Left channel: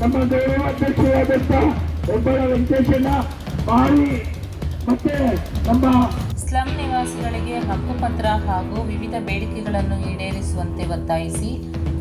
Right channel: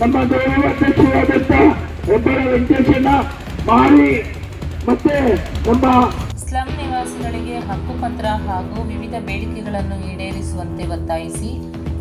ನಮ್ಮ ಗೌರವಾಧ್ಯಕ್ಷರಾದಂಥ ಒಬ್ಬರ ವೆಂಕಟೇಶಣ್ಣ ಮಾರಿ ಮತ್ತೆ ನಮ್ಮ ಸ್ಲಂ ನಿವಾಸಿಗಳಿಗೆ ಹಕ್ಕುಪತ್ರ ಹಾಗೂ ವಿವಿಧ ಬೇಡಿಕೆಗಳನ್ನು ಈಡೇರಿಸುವಂತೆ ಒತ್ತಾಯಿಸಿ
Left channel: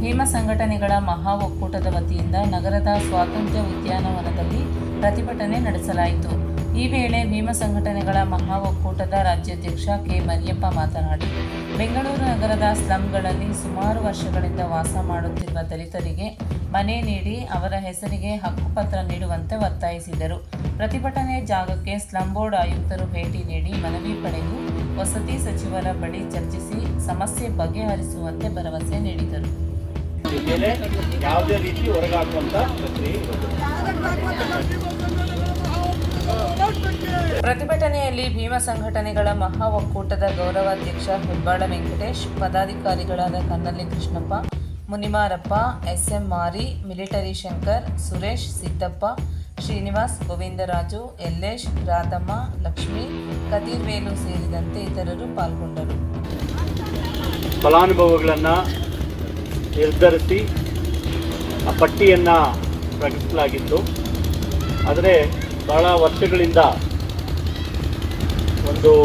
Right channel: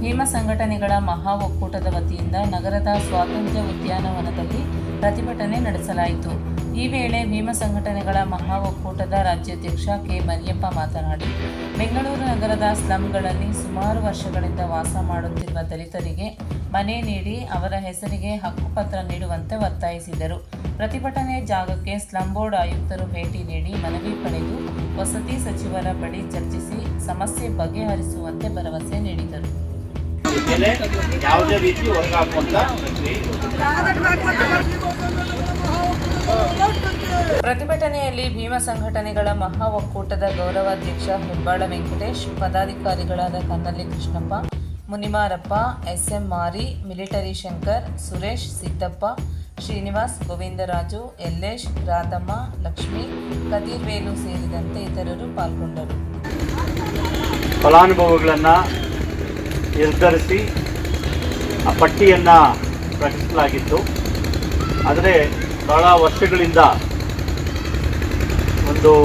ಹೇಮ ಸಂಘಟನೆಗಳ ಮಹಾ ಒಕ್ಕೂಟದ ವತಿಯಿಂದ ನಗರದ ಸ್ವಾತಂತ್ರ್ಯ ಉದ್ಯಾನವನದಲ್ಲಿ ಪ್ರತಿಭಟನೆ ನಡೆಸಲಾಯಿತು. ಈ ವೇಳೆ ಭೀಮ ಸಂಘಟನೆಗಳ ಮಹಾ ಒಕ್ಕೂಟದ ರಾಜ್ಯಾಧ್ಯಕ್ಷ ಕೆ ಮರಿಯಪ್ಪ ಮಾತನಾಡಿ ಬೆಂಗಳೂರು ನಗರದ ಸ್ಲಂಗಳಲ್ಲಿ ಸುಮಾರು ವರ್ಷಗಳಿಂದ ವಾಸ ಮಾಡುತ್ತಿರುವ ದಲಿತರಿಗೆ ಮನೆ ನೀಡಿ ಅವರ ಹೆಸರಿಗೆ ಹಕ್ಕುಪತ್ರ ನೀಡುವಂತೆ ಒತ್ತಾಯಿಸಿದರು. ಪ್ರತಿಭಟನೆ ಜಾಗಕ್ಕೆ ಸ್ಲಂ ಬೋರ್ಡ್ ಆಯುಕ್ತರು ಭೇಟಿ ನೀಡಿ ಮನವಿ ಪಡೆದು ವಸತಿ ಸಚಿವರ ಬಳಿ ಚರ್ಚಿಸಿ ಸಮಸ್ಯೆ ಬಗೆಹರಿಸುವಂತೆ ಭರವಸೆ ನೀಡಿದರು. ಯಾವುದೇ ರೀತಿ ಹೊರಗೆ ಹಾಕುವಂತ ಪ್ರಕ್ರಿಯೆ ಇರೋದಿಲ್ಲ ಪ್ರತಿಭಟನೆಯಲ್ಲಿ ಭೀಮ ಸಂಘಟನೆಗಳ ಮಹಾ ಒಕ್ಕೂಟದ ಗೌರವಾಧ್ಯಕ್ಷ ಹೆಬ್ಬಾಳ ವೆಂಕಟೇಶ್, ಪದಾಧಿಕಾರಿಗಳಾದ ಕನ್ನಲ್ಲಿ ಕೃಷ್ಣಪ್ಪ, ಮುನಿಮಾರಪ್ಪ, ಎಸ್ಎಂ ಮಾರಿ, ಮಿಲಿಟರಿ ಶಂಕರ್, ಸುರೇಶ್, ಸಿದ್ದಪ್ಪ, ಶ್ರೀನಿವಾಸ್, ಗೋವಿಂದರಾಜು ಯಲ್ಲೇಶ್ ರಾಧಮ್ಮ, ಲಕ್ಷ್ಮಿ ಕದೀರ್ವೇಲು ಸೇರಿದಂತೆ ಇತರರು ಪಾಲ್ಗೊಂಡರು. ಫಲಾನುಭವಿಗಳನ್ನು ನಿರ್ಧರಿಸಿ ಆ ಪಟ್ಟಿಯನ್ನು ಪ್ರಕಟಿಸಲಾಗಿತ್ತು ಆದರೆ ಬಹಳ ವರ್ಷಗಳಿಂದ ಒಂದು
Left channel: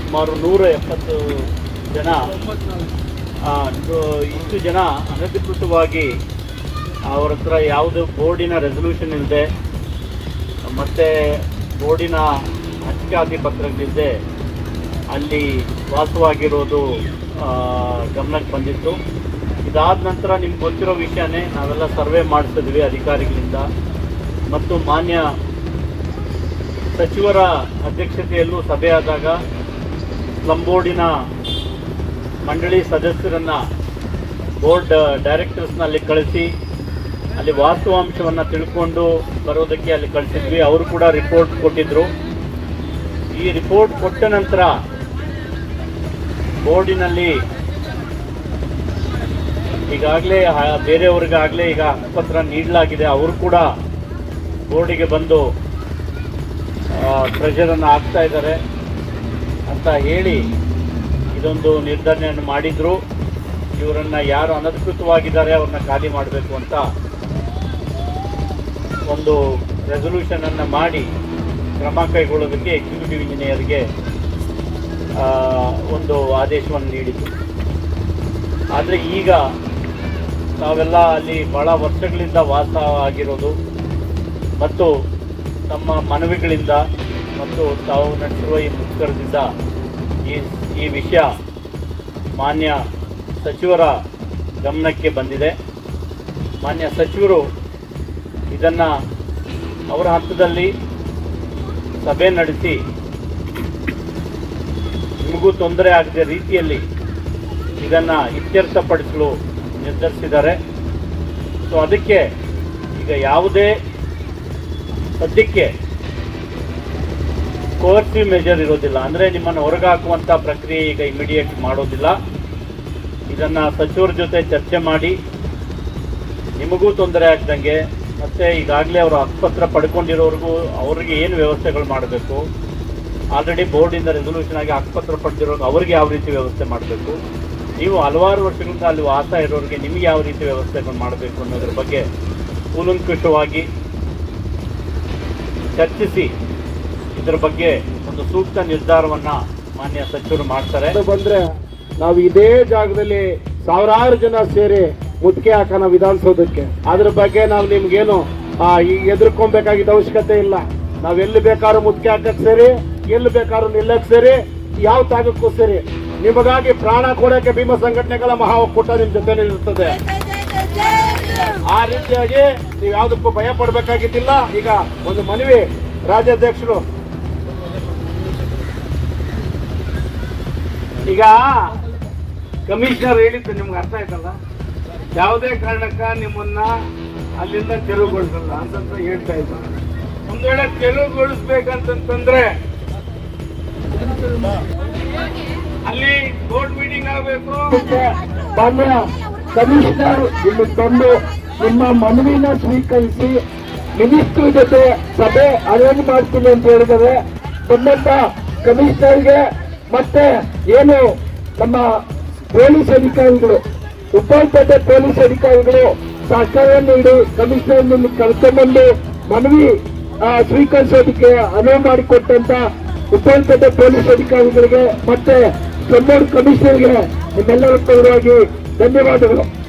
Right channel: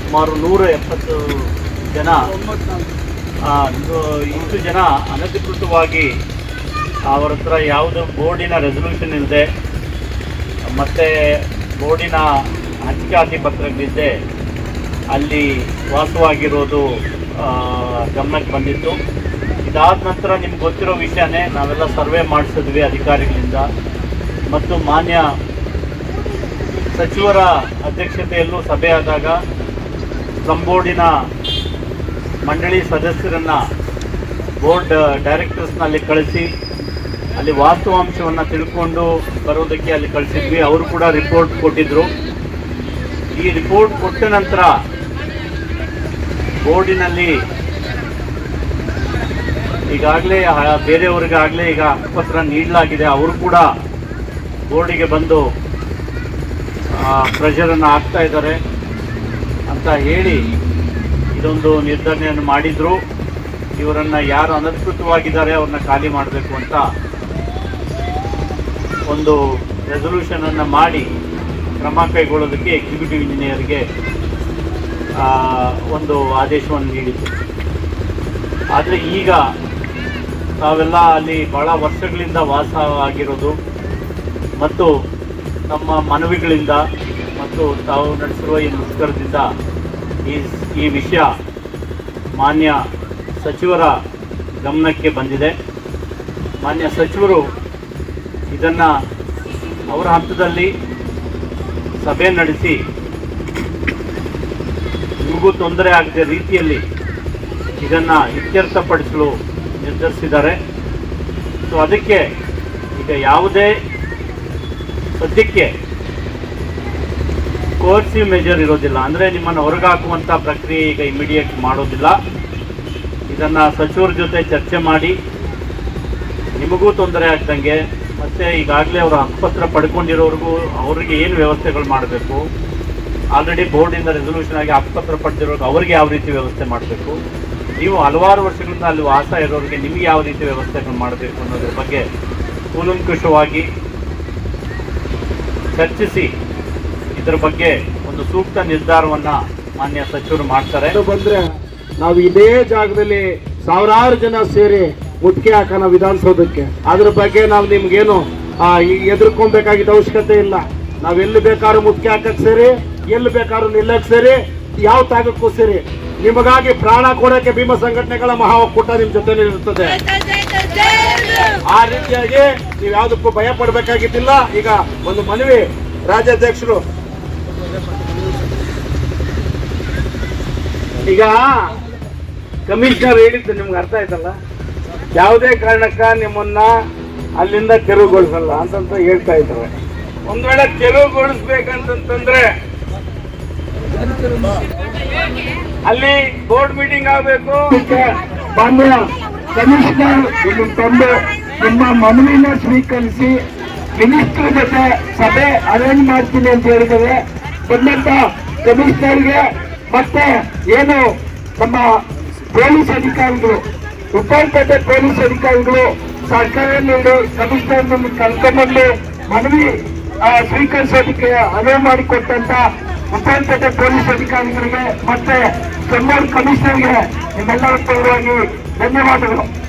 ಸುಮಾರು ನೂರ ಎಪ್ಪತ್ತು ಜನ ಇಷ್ಟು ಜನ ಅನಧಿಕೃತವಾಗಿ ಅವರ ಹತ್ರ ಯಾವುದು ಬೋರ್ಡಿನ ರೆಸಲ್ಯೂಷನ್ ಇಲ್ಲದೆ ಮತ್ತು ಬೋರ್ಡಿನ ಅಂಚಿಕಾತಿ ಪತ್ರಗಳಿದ್ದೆ ಅಲ್ಲಿ ವಾಸವಾಗಿರೋದು ಗಮನಕ್ಕೆ ಬಂದಿತ್ತು. ಇದಾದ ನಂತರ ನಿಮ್ಗೆ ಗೊತ್ತಿರೋ ವಿಷಯನೇ ನಾವೆಲ್ಲ ಸರ್ವೆ ಮಾಡಿಸಿದ್ವಿ ಅಧಿಕಾರಿಗಳಿಂದ. ಮತ್ತು ಮಾನ್ಯ ಸಚಿವರ ಅಧ್ಯಕ್ಷತೆಯಲ್ಲೂ ಸಭೆಯಾದಾಗ ಆದಾಗ ಸ್ಲಂ ಬೋರ್ಡಿನ ಮಂಡಳಿ ಸದಸ್ಯರನ್ನ ಬೋರ್ಡ್ ಡೈರೆಕ್ಟರ್ಸ್ನಲ್ಲಿ ಕಳಿಸಿ, ಅಲ್ಲಿ ವಾಸ್ತವಾಂಶವನ್ನು ತಿಳ್ಕೊಂಡು ಬರೋದಕ್ಕೆ ಅಲ್ಲಿ ಕಳಿಸಿದ್ವಿ. ಅವರು ಕೂಡ ರಿಪೋರ್ಟ್ ಕೊಟ್ಟಿದ್ದರು ಈ ರಿಪೋರ್ಟ್ ಕೊಟ್ಟ ನಂತರ ಬೋರ್ಡಿನಲ್ಲಿ ಈಗಾಗಲೇ ಬೇರೆಯವ್ರಿಗಾಗಲೇ ಈಗ ಹಕ್ಕುಪತ್ರ ನೀಡಲಾಗಿದೆ. ಅವರು ಕೂಡ ಬೋರ್ಡಿಗೆ ಬಂದು ಪ್ರೆಷರನ್ನು ಹಾಕ್ತಾ ಇದ್ದಾರೆ ಅಂತ ಹೇಳಿ ಇದೊಂದು ನಿರ್ಧರಣೆಯನ್ನು ಮಾಡಿದ್ರು. ಇವರನ್ನ ಯಾರು ಅನಧಿಕೃತವಾಗಿದ್ದಾರೆ ಅವ್ರನ್ನ ಖಾಲಿ ಮಾಡಬೇಕು ಅಂತ ಒಂದು ರೆಸೊಲ್ಯೂಷನನ್ನು ಮಾಡಿ ಕ್ರಮ ಕೈಗೊಳ್ಳೋದಕ್ಕೆ ಎಕ್ಸಿಕ್ಯೂಟಿವ್ ಇಂಜಿನಿಯರ್ಗೆ ಒಂದು ಆದೇಶವನ್ನು ನೀಡಿತು ಆದರೆ ಈಗ ತಾವೆಲ್ಲ ಅಲ್ಲಿ ಬಹಳ ವರ್ಷಗಳಿಂದ ವಾಸ ಆಗಿರೋದು ಮತ್ತು ತಮ್ಮ ಮನವಿಗಳಿಂದ ಮತ್ತು ತಾವು ನಡೆಸಿರುವ ಈ ಮುಷ್ಕರದಿಂದ ಈ ಈ ವಿಷಯ ಮಾನ್ಯ ಸಚಿವರ ಗಮನಕ್ಕೆ ಬಂದಿದೆ. ಮಾನ್ಯ ಸಚಿವರು ಇದನ್ನು ಅವರ ಹಂತದಲ್ಲಿ ಸಭೆ ನಡೆಸಿ ನಿಮಗೂ ತೊಂದರೆ ಆಗದ ರೀತಿಯಲ್ಲಿ ಇದನ್ನು ಇತ್ಯರ್ಥಪಡಿಸಲು ನಿರ್ಧರಿಸಿದ್ದಾರೆ. ಸೊ ಅದಕ್ಕೆ ಈಗ ಯಾವುದೇ ಸದ್ಯಕ್ಕೆ ಕೋರ್ಸಿವ್ ಮೆಜರ್ ಇರೋದಿಲ್ಲ. ಅಂದರೆ ನಿಮ್ಮನ್ನು ಹೊರಗೆ ಹಾಕುವಂಥ ಪ್ರಕ್ರಿಯೆ ಈಗ ಇಮಿಡಿಯೇಟ್ ಮಾಡೋದಿಲ್ಲ. ಇದನ್ನು ಸಚಿವರ ಜೊತೆ ಚರ್ಚೆ ಮಾಡಿ. ನಿಮಗೂ ತೊಂದರೆ ಆಗ್ದಂಗೆ, ಮತ್ತು ಈಗಾಗಲೇ ಅವರು ಆಸ್ಪತ್ರೆ ಪಡ್ಕೊಂಡಿರೋರಿಗೂ ಅವರಿಗೆ ಏನು ವ್ಯವಸ್ಥೆಗಳು ಮಾಡಬೇಕು? ಆಲ್ರೆಡಿ ಬೋರ್ಡಿಂದ ರೆಸೊಲ್ಯೂಷನ್ ಆಗಿ ಆಸ್ಪತ್ರೆ ಪಡೆದಿರೋರಿಗೆ ಅವ್ರಿಗೆ ಯಾವ ರೀತಿ ವ್ಯವಸ್ಥೆ ಮಾಡಬೇಕು? ನೀವು ಹಲವಾರು ವರ್ಷಗಳಿಂದ ಅಲ್ಲಿ ವಾಸ ಇರೋರಿಗೆ ನಿಮಗೆ ಯಾವ ರೀತಿ ವ್ಯವಸ್ಥೆಗಳು ಮಾಡಬೇಕು ಅನ್ನೋದ್ರ ಬಗ್ಗೆ ಕೂಲಂಕುಷವಾಗಿ ಚರ್ಚಿಸಿ ಇದ್ರ ಬಗ್ಗೆ ಒಂದು ಸೂಕ್ತ ನಿರ್ಧಾರವನ್ನ ಮಾನ್ಯ ಸಚಿವರು ಮಾಡ್ತಾರೆ. ಬಂದ್ರೆ ನಾವು ಇದೇ ಜಾಗದಲ್ಲಿ ಸಾವಿರಾರು ಜನ ಸೇರಿ ಮುಟ್ಕೆ ಹಾಕೋಣ ವಿಧಾನಸೌಧಕ್ಕೆ. ಅದ್ರ ಬಗ್ಗೆ ನಾವು ನಿಮ್ಗೇನು ಎದುರ್ಕೊಬೇಕಾಗಿದ್ದ ಅವಶ್ಯಕತೆ ಇಲ್ಲ. ನಾವ್ ಎಲ್ಲಿ ಬೇಕಾದ್ರು ಮುಟ್ಕೆ ಹಾಕಕ್ ಸೇರಿ, ಎಲ್ಲಿ ಬೇಕಾದ್ರೂ ನಿಲ್ಲಕ್ ಸೇರಿ, ಯಾವ ತಾಗಕ್ಕೂ ಸೇರಿ. ನಿಮಗಾಗಿ ಪ್ರಾಣ ಕೊಡಕ್ಕೆ ಭೀಮ ಸಂಘಟನೆಗಳ ಮಹಾ ಒಕ್ಕೂಟ ನಿಮ್ ಜೊತೆ ಇರ್ತದೆ ಆ ರೀತಿಯಾಗಿ ನೀವು ಯಾವುದಕ್ಕೂ ಭಯ ಪಡ್ಬೇಕಾಗಿದ್ದಿಲ್ಲ. ಈಗ ಒಂದು ಮನವಿ ರಾಜ್ಯಾಧ್ಯಕ್ಷರು. ಈಗ ಕಮಿಷನರ್ ಹೇಳಿದ್ದು ನಿಮ್ಗೆ ಅರ್ಥ ಆಯ್ತಲ್ಲ? ಯಾವುದೇ ಕಾರಣಕ್ಕ ನಿಮ್ಮನ್ನ ಅಲ್ಲಿಂದ ತೆರವುಗೊಳಿಸಲ್ಲ ಅಂತಂತ ಹೇಳ್ತಾ ಇದ್ದಾರೆ. ಒಂದ್ ವೇಳೆ ತೆರವುಗೊಳಿಸ್ಬೇಕಂತಂದ್ರೆ ಅಲ್ಲಿ ಬೋರ್ಡ್ ಮೀಟಿಂಗ್ ಆಗಬೇಕು. ಕಮಿಷನರ್ ಇಲ್ಲಿ ತಂದು ನಿಮ್ಮ ಮನವಿನ ಸ್ವೀಕರಿಸಿ ಮಿನಿಸ್ಟರ್ ಜೊತೆ ಸಭೆ ಅರೇಂಜ್ ಮಾಡ್ತೀನಿ ಅಂತ ಹೇಳಿದರೆ ಬಂದಂತ ಕಮಿಷನರ್ಗೆ ಮತ್ತೆ ಏನು ನಮ್ಮ ಪೊಲೀಸ್ ಅಧಿಕಾರಿಗಳು ಉಪ್ಪಾರಪೇಟೆ ಪೊಲೀಸ್ ಅಧಿಕಾರಿಗಳು ಸರ್ಕಾರ ನೀಡಿ ಕಮಿಷನರ್ ನಿಮ್ಗೆ ಕರ್ಕೊಂಡ್ಬಂದು ಮನವಿ ಸ್ವೀಕರಿಸೋದಕ್ಕೆ ಅನುವು ಮಾಡಿಕೊಟ್ಟಂತ ಉಪ್ಪನಪೇಟೆ ಪೊಲೀಸ್ ಅಧಿಕಾರಿಗಳಿಗೆ ಮತ್ತೆ ಕಮಿಷನರ್ಗೆ ನಿಮ್ಮೆಲ್ಲರ ಪರವಾಗಿ ಧನ್ಯವಾದಗಳು.